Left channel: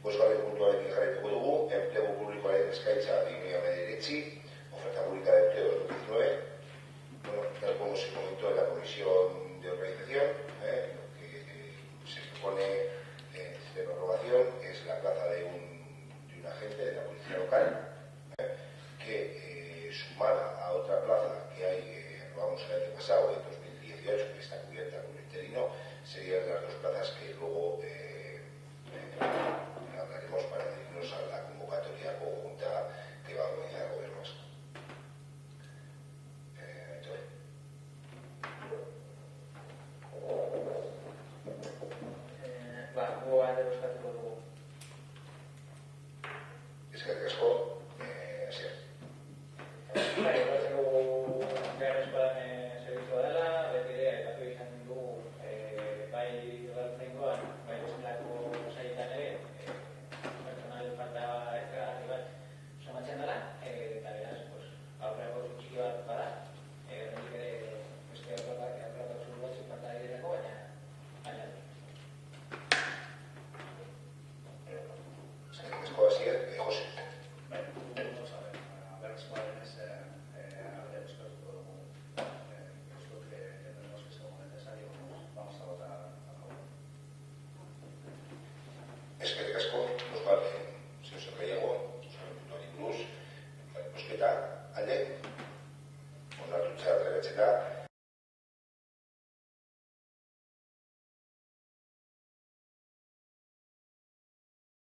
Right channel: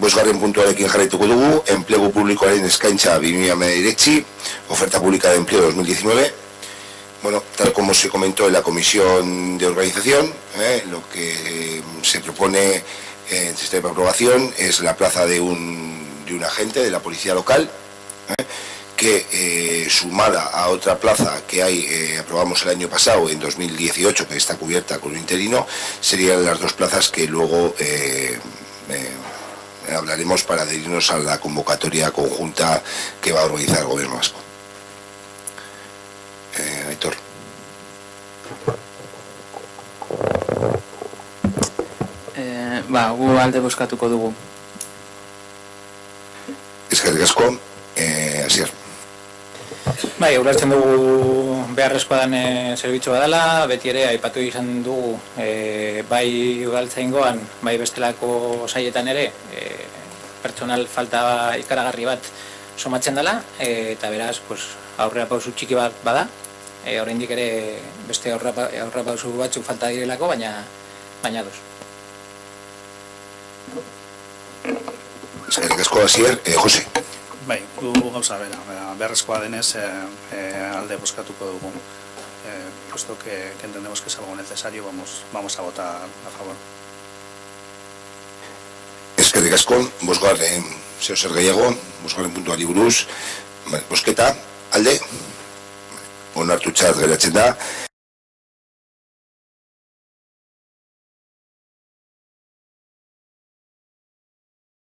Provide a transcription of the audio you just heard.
Bosgarren puntuarekin jarraituko dugu, enplegu publikoaren eskaintza 2019, oferta pública de empleo 2019. Bueno, tal como se comentó en la comisión de organización, lo que se propone en sistema de aprobación es la plaza de un agente de la policía local, que sumada a otra plaza que aprobamos el año pasado, en 2018, que está cubierta con un interino, serían las dos plazas que luego hablaremos para adherirnos a la convocatoria conjunta que va a organizar el Gobierno vasco. Aitor. Gu alde bozkatuko dugu. Eskerrik asko, Asier. Bai, ulertzen dugu beharrezkoa den zerbitzua dela, beti ere aipatu izan dugu bai udaltzaingoan, bai bestelako saietan ere pertsonal falta ikaragarri bat somatzen dela, eta beraz aurrera pausu txiki bat bada, oraindik ere beste aurrera pausu batzuk falta direlako, baina dos. Eskerrik asko, Asier. Jose. Bai, du gauza bera, beharrezkoa denez alde bozkatuko dugu. Puesto que entendemos que es algo necesario, vamos a votar a favor. Eskerrik asko, bosgarren zer gehiago, bosgarren puntuari buruz, bosketa, alde, onartutzat geratzen da.